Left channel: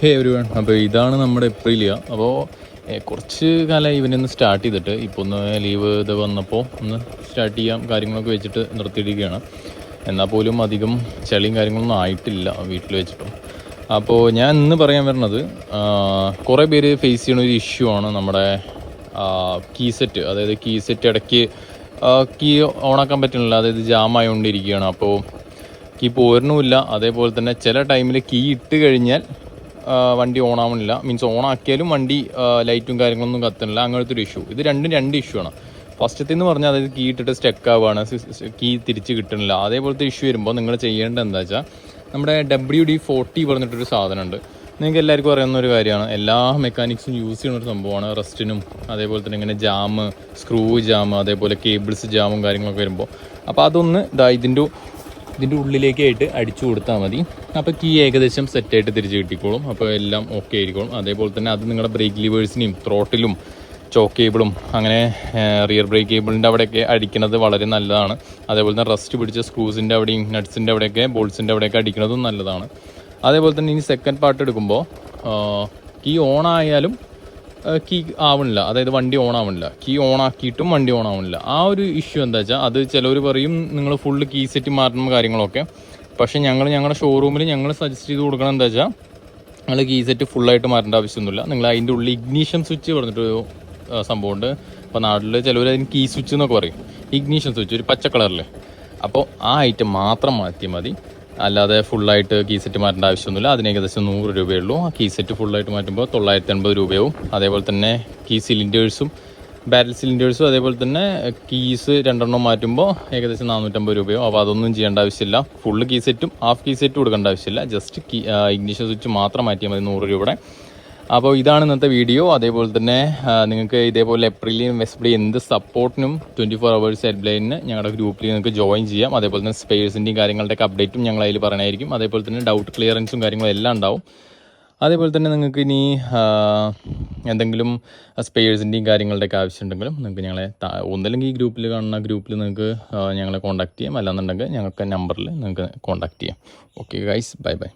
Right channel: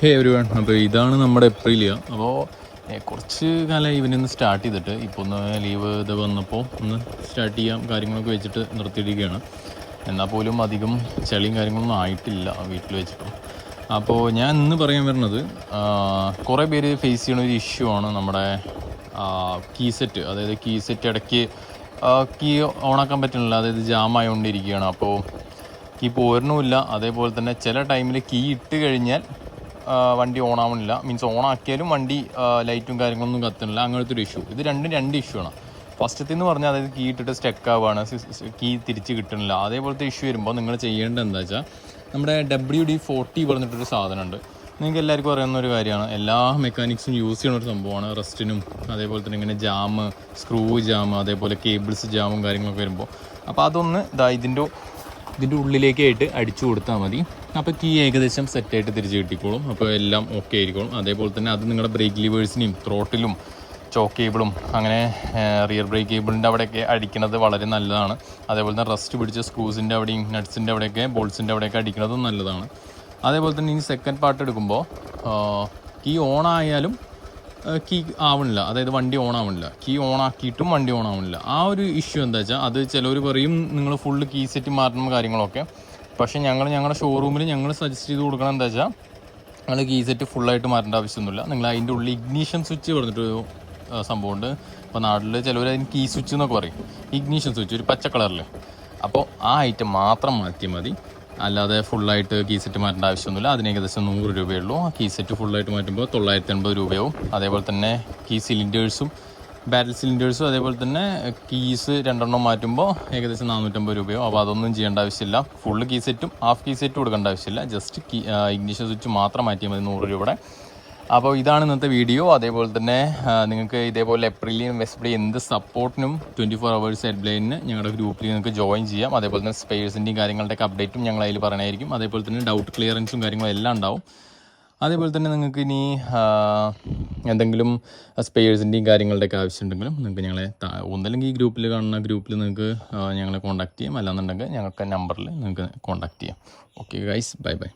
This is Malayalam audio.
ഹേ എവരിവൺ, അപ്പോൾ ഇതാണ് നമ്മുടെ എപ്രിലിയ. അപ്പോൾ കുറച്ച് കാലമായി ഇവനൊന്ന് സ്റ്റാർട്ട് ചെയ്തിട്ട്, ഇപ്പോൾ ഒന്ന് ലീവ് ഇത് വന്നപ്പോൾ ഒന്ന് സ്റ്റാർട്ട് ചെയ്യാം കാര്യങ്ങളൊക്കെ വെച്ചിട്ട് നിർത്തിയിരിക്കുകയാണ്. എന്നാൽ പോലും അധികം ചളിയും കാര്യങ്ങളൊന്നും ആയിട്ടില്ല വീട്ടിൽ വെച്ചിട്ട്. അപ്പോൾ ഞാൻ ഇന്ന് പറയാൻ വരുന്നത്, കുറേ പേര് ഫേസ് ചെയ്യുന്ന ഒരു ഇഷ്യൂ ആണ് നമ്മുടെ കീ സെറ്റ്. അതായത് കീ സെറ്റ് ഇടയ്ക്ക് കീ ഓണാക്കാൻ പറ്റുന്നില്ല, അതായത് ജാം ആയിക്കൊണ്ടിരിക്കുകയാണ്. അപ്പോൾ കീ പോരുന്നുമില്ല. അതേപോലെ തന്നെ ചില ടൈമിൽ കീ ഇട്ട് കഴിഞ്ഞാൽ വണ്ടി ഓണാവുന്നില്ല, മീൻസ് ഓണാക്കിയാലും വണ്ടി ലൈറ്റും കാര്യങ്ങളൊന്നും കത്തുന്നില്ല. അങ്ങനത്തെ ഒരു ഇഷ്യൂ. ഇത് രണ്ട് ഇഷ്യൂ ആണ്. ഫസ്റ്റത്തെ എന്ന് പറഞ്ഞാൽ അതായത് കീ ഇട്ടിട്ട് സ്റ്റക്ക് ആവുകയാണ്, കീ തിരിച്ച് കിട്ടുന്നില്ല. അതേപോലത്തെ ഇഷ്യൂ വരുമ്പോൾ നിങ്ങൾ ചെയ്യേണ്ടത് എന്താ വെച്ചാൽ, നമ്മുടെ WD-40 പറഞ്ഞിട്ടൊരു സാധനമുണ്ട്. നിങ്ങൾക്ക് എല്ലാവർക്കും അറിയാവുന്ന ഒരു കാര്യമാണ്, എല്ലാ മെക്കാനിക്സും യൂസ് ചെയ്യുന്ന ഒരു സംഭവമാണ്. റസ്റ്റിനും അതേപോലെ തന്നെ ഇങ്ങനെ ജാം, സ്ക്രൂ ജാം, അതേപോലെ കേബിൾസ് ജാമും കാര്യങ്ങളൊക്കെ വരുമ്പോൾ. അപ്പോൾ അതൊന്ന് ഇതിൻ്റെ ഉള്ളിലേക്കായിട്ട് അടിച്ചു കൊടുത്താൽ മതി. അപ്പോൾ കീ ഏകദേശം സെറ്റായിട്ട് തിരിച്ച് കിട്ടിക്കോളും. അപ്പോൾ എല്ലാം ഓക്കെ ആയിരിക്കും. അതേപോലെ തന്നെ അത് നിങ്ങളുടെ ബ്രേക്ക് ലിവേഴ്സിനെയും ത്രോട്ടിലും ചോക്ക് കേബിളും അങ്ങനെ റിയർ ബ്രേക്ക് കേബിളിൻ്റെ അവിടെയൊക്കെ അടിക്കുന്നത് വളരെ നല്ലതാണ്. അതേപോലെ തന്നെ റസ്റ്റ് പിടിച്ച സ്ക്രൂസിൻ്റെ അവിടെയും നട്ട്സിൻ്റെ അവിടെയൊക്കെ ബോൾസിൻ്റെ അവിടെയൊക്കെ അടിക്കുന്നതും നല്ലതാണ്. അതേപോലെ തന്നെ ഇനി സെക്കൻഡ് പാർട്ട് എടുക്കുമ്പോൾ കീ ഓൺ ആയാലും കീ ആവണില്ല, അതായത് വണ്ടി ഓൺ ആവണില്ല. കീ ഓൺ ആക്കിയിട്ടും വണ്ടി ഓൺ ആവണില്ല. ആ ഒരു ഇഷ്യൂ എന്താ വെച്ചാൽ, അത് ചിലവർ പറയും നിങ്ങൾ ഫുള്ള് കീ സെറ്റ് മാറ്റണം കാര്യങ്ങളൊക്കെ. പക്ഷേ ഞങ്ങളുടെ ഷോറൂമിൽ ഞങ്ങൾ സജസ്റ്റ് ചെയ്ത് കൊടുക്കണം എന്താ വെച്ചാൽ, നിങ്ങൾ കീ സെറ്റ് ഫുള്ളായിട്ട് മാറ്റേണ്ട ആവശ്യമൊന്നുമില്ല. നിങ്ങൾ അതിൻ്റെ ഉള്ളിൽ ഇഗ്നീഷൻ സ്വിച്ച് പറഞ്ഞിട്ടൊരു സംഭവമുണ്ട്. അപ്പോൾ നാട്ടിൽ ചിലവർ അതിന് കീ സ്വിച്ച് എന്നൊക്കെ പറയും. ഇഗ്നീഷൻ സ്വിച്ച് ഒരു പച്ച കളറിൽ. അപ്പോൾ ആ ഐറ്റം മാത്രം മാറ്റിയാൽ മതി. അല്ലാതെ ഫുള്ളായിട്ട് കീ സെറ്റ് മാറ്റേണ്ട ആവശ്യമൊന്നുമില്ല. അതിന് ഏകദേശം 100 രൂപയുള്ളൂ. കീ സെറ്റ് ഫുള്ളായിട്ട് മാറ്റുമ്പോൾ 980 രൂപയാവും. അതേപോലെ തന്നെ കീ സിലിണ്ടേഴ്സും ബാരൽ സിലിണ്ടേഴ്സും അതേപോലെ തന്നെ കീസ് 2 മാറ്റുമ്പോൾ ഏകദേശം 450 രൂപയാവും. അപ്പോൾ അതൊന്നും ചെയ്യേണ്ട ആവശ്യമില്ല. ഫുള്ള് കീ സെറ്റും ഹാഫ് കീ സെറ്റും കൊടുക്കേണ്ട ആവശ്യമില്ല. ജസ്റ്റ് ഇഗ്നിഷൻ സ്വിച്ച് മാത്രം മാറ്റിയാൽ മതി 100 രൂപയുടെ. അപ്പോൾ ഇതാണ് ഇന്നത്തെ വീഡിയോ. അതേപോലെ തന്നെ നിങ്ങൾക്ക് ഇതേപോലെ എപ്രിലിയും വെസ്പ്ലി എന്ത് സപ്പോർട്ടിനും 24 hours ഹെൽപ്പ് ലൈനിന് ഞങ്ങളുടെ ഗ്രൂപ്പിൽ നിങ്ങൾക്ക് ജോയിൻ ചെയ്യാം. അതേപോലെ തന്നെ സ്പെയർസിൻ്റെയും കാര്യങ്ങളുടെയൊക്കെ അപ്ഡേറ്റും ഞങ്ങൾ അതിൽ പറയണമായിരിക്കും. അതേപോലെ തന്നെ ഡൗട്ട് ക്ലിയറൻസും കാര്യങ്ങളും എല്ലാം ഉണ്ടാവും. അതേപോലെ തന്നെ നിങ്ങൾക്ക് ഇനി എന്തെങ്കിലും സ്പെയർസിൻ്റെയും കാര്യങ്ങളുടെയൊക്കെ ആവശ്യമുണ്ടെങ്കിലും നിങ്ങൾക്ക് ഞങ്ങളെ ഒന്നല്ലെങ്കിൽ ഈ ഗ്രൂപ്പിൽ കാണുന്ന ഗ്രൂപ്പിൽ നിങ്ങൾക്ക് ഞങ്ങളെ കോൺടാക്ട് ചെയ്യാം. അല്ലാന്നുണ്ടെങ്കിൽ ഞങ്ങൾക്ക് നമ്പറിൽ നിങ്ങൾക്ക് കോൺടാക്ട് ചെയ്യാം. Okay guys, bye bye.